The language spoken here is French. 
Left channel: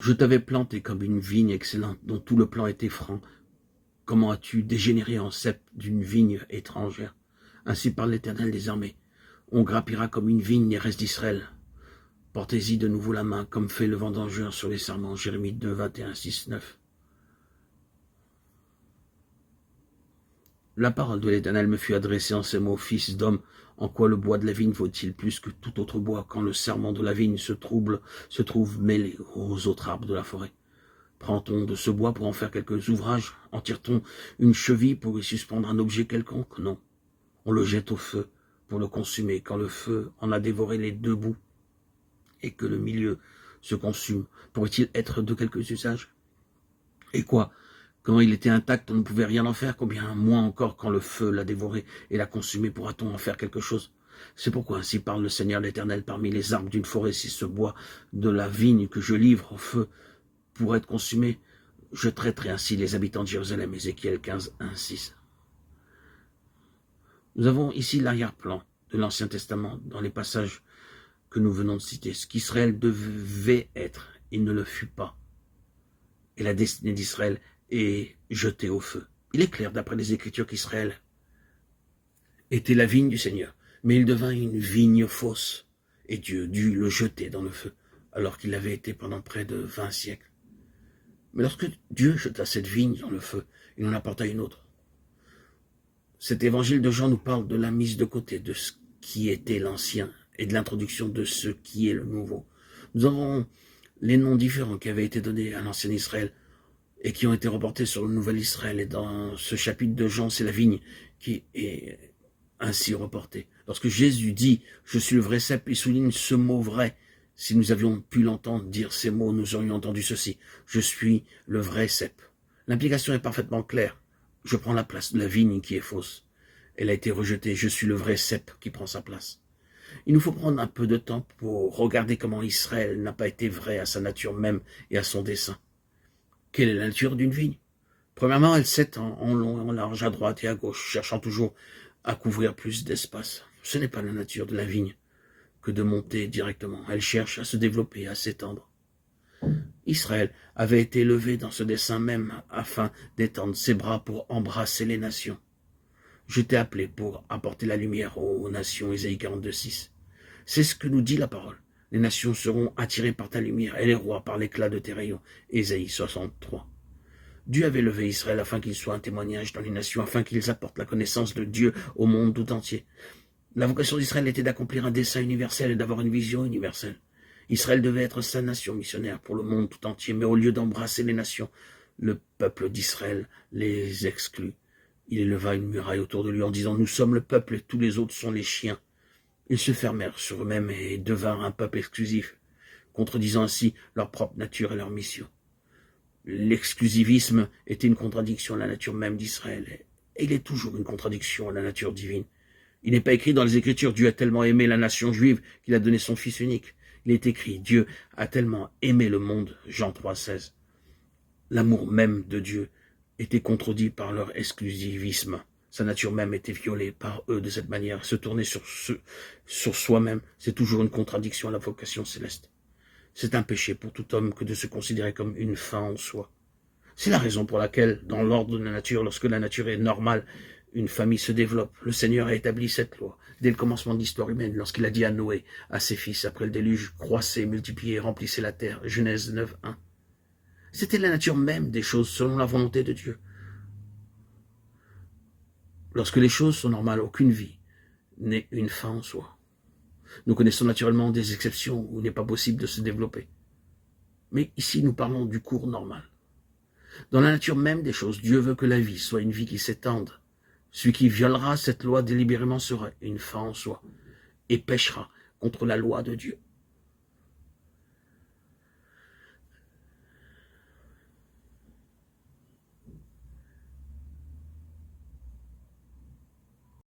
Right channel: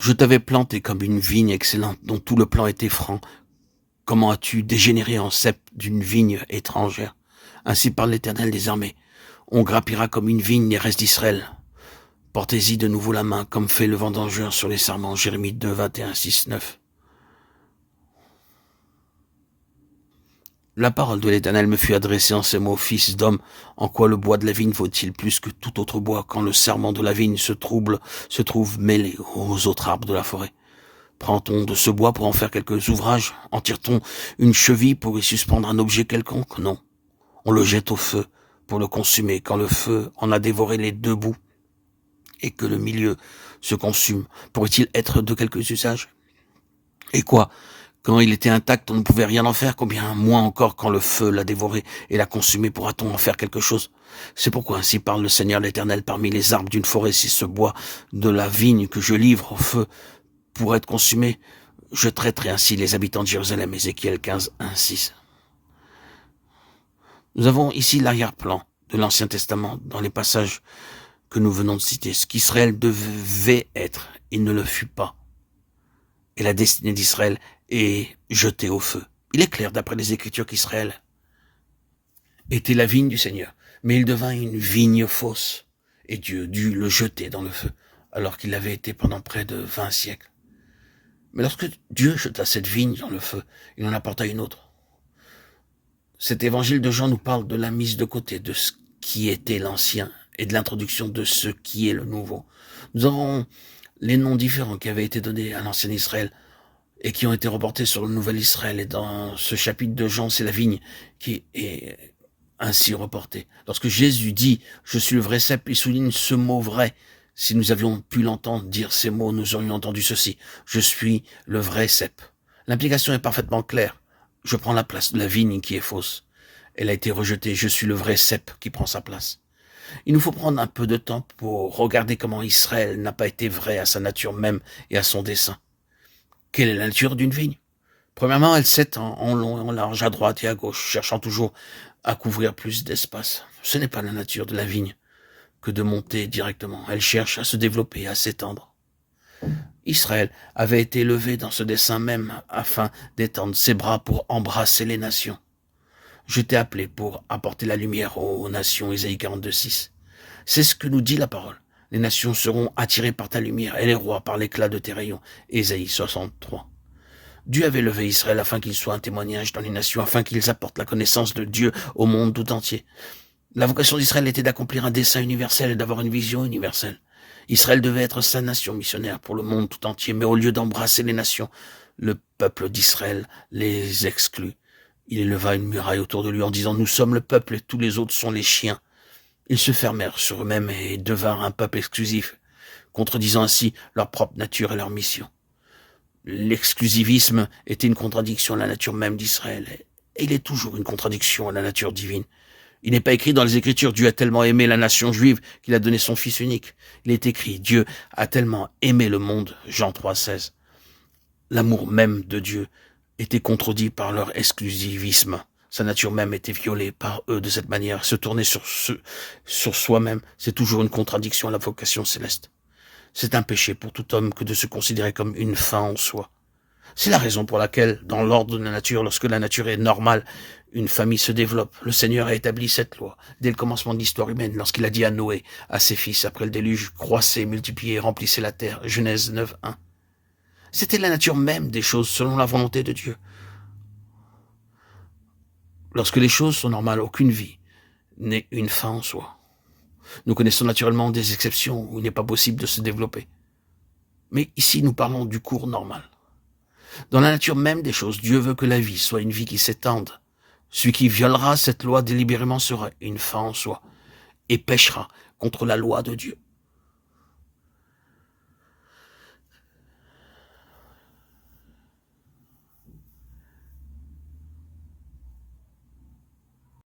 Je t'avais planté comme une vigne excellente dont tout le plan était franc. Comment as-tu dégénéré en cep d'une vigne étrangère? Ainsi parle l'Éternel des armées. On grappira comme une vigne les restes d'Israël. Portez-y de nouveau la main, comme fait le vendangeur sur les sarments. Jérémie 2, 21, 6, 9. La parole de l'Éternel me fut adressée en ces mots: Fils d'homme, en quoi le bois de la vigne vaut-il plus que tout autre bois, quand le serment de la vigne se trouve mêlé aux autres arbres de la forêt? Prend-on de ce bois pour en faire quelques ouvrages? En tire-t-on une cheville pour y suspendre un objet quelconque? Non. On le jette au feu pour le consumer. Quand le feu en a dévoré les deux bouts et que le milieu se consume, pourrait-il être de quelques usages? Et quoi? Quand il était intact, on ne pouvait rien en faire, combien moins encore quand le feu l'a dévoré et l'a consumé, pourra-t-on en faire quelque chose? C'est pourquoi ainsi parle le Seigneur l'Éternel: parmi les arbres d'une forêt, si ce bois de la vigne que je livre au feu pour être consumé, je traiterai ainsi les habitants de Jérusalem. Ézéchiel 15, 1, 6. Nous avons ici l'arrière-plan de l'Ancien Testament dans les passages que nous venons de citer. Ce qu'Israël devait être, il ne le fut pas. Et la destinée d'Israël est jetée au feu. Il est clair d'après les Écritures qu'Israël était la vigne du Seigneur, mais il devint une vigne fausse, et Dieu dut le jeter dans le feu, alors qu'il l'avait été pendant près de 20 siècles. Mais lorsque Dieu jeta cette vigne dans le feu, il en apporta une autre. Cet évangile de Jean nous parle de la mise de côté de ce qui était l'ancien et de l'introduction de ce qui est le nouveau. Nous avons les noms différents qui avaient été donnés à l'ancien Israël et qui ont été reportés sur le nouvel Israël. Et dans ce chapitre de Jean, c'est la vigne qui est ainsi reportée. Lorsque Jésus dit « Je suis le vrai cep », il souligne ce mot vrai. Si nous avions pu l'entendre dire ces mots, nous aurions entendu ceci: « Je suis le vrai cep ». L'implication est parfaitement claire. Je prends la place de la vigne qui est fausse. Elle a été rejetée. Je suis le vrai cep qui prend sa place. Il nous faut prendre un peu de temps pour regarder comment Israël n'a pas été vrai à sa nature même et à son dessein. Quelle est la nature d'une vigne? Premièrement, elle s'étend en long et en large, à droite et à gauche, cherchant toujours à couvrir plus d'espace. Ce n'est pas la nature de la vigne que de monter directement. Elle cherche à se développer, à s'étendre. Israël avait été élevé dans ce dessein même afin d'étendre ses bras pour embrasser les nations. Je t'ai appelé pour apporter la lumière aux nations. Ésaïe 42, 6. C'est ce que nous dit la parole. Les nations seront attirées par ta lumière et les rois par l'éclat de tes rayons. Ésaïe 63. Dieu avait levé Israël afin qu'il soit un témoignage dans les nations, afin qu'ils apportent la connaissance de Dieu au monde tout entier. La vocation d'Israël était d'accomplir un dessein universel et d'avoir une vision universelle. Israël devait être sa nation missionnaire pour le monde tout entier, mais au lieu d'embrasser les nations, le peuple d'Israël les exclut. Il éleva une muraille autour de lui en disant « Nous sommes le peuple et tous les autres sont les chiens ». Ils se fermèrent sur eux-mêmes et devinrent un peuple exclusif, contredisant ainsi leur propre nature et leur mission. L'exclusivisme était une contradiction à la nature même d'Israël, et il est toujours une contradiction à la nature divine. Il n'est pas écrit dans les Écritures « Dieu a tellement aimé la nation juive qu'il a donné son Fils unique ». Il est écrit « Dieu a tellement aimé le monde », Jean 3, 16. L'amour même de Dieu était contredit par leur exclusivisme. Sa nature même était violée par eux de cette manière. Se tourner sur soi-même, c'est toujours une contradiction à la vocation céleste. C'est un péché pour tout homme que de se considérer comme une fin en soi. C'est la raison pour laquelle, dans l'ordre de la nature, lorsque la nature est normale, une famille se développe. Le Seigneur a établi cette loi dès le commencement de l'histoire humaine, lorsqu'il a dit à Noé, à ses fils, après le déluge: croissez, multipliez, remplissez la terre. Genèse 9, 1. C'était la nature même des choses selon la volonté de Dieu. Lorsque les choses sont normales, aucune vie n'est une fin en soi. Nous connaissons naturellement des exceptions où il n'est pas possible de se développer. Mais ici, nous parlons du cours normal. Dans la nature même des choses, Dieu veut que la vie soit une vie qui s'étende. Celui qui violera cette loi délibérément sera une fin en soi et péchera contre la loi de Dieu.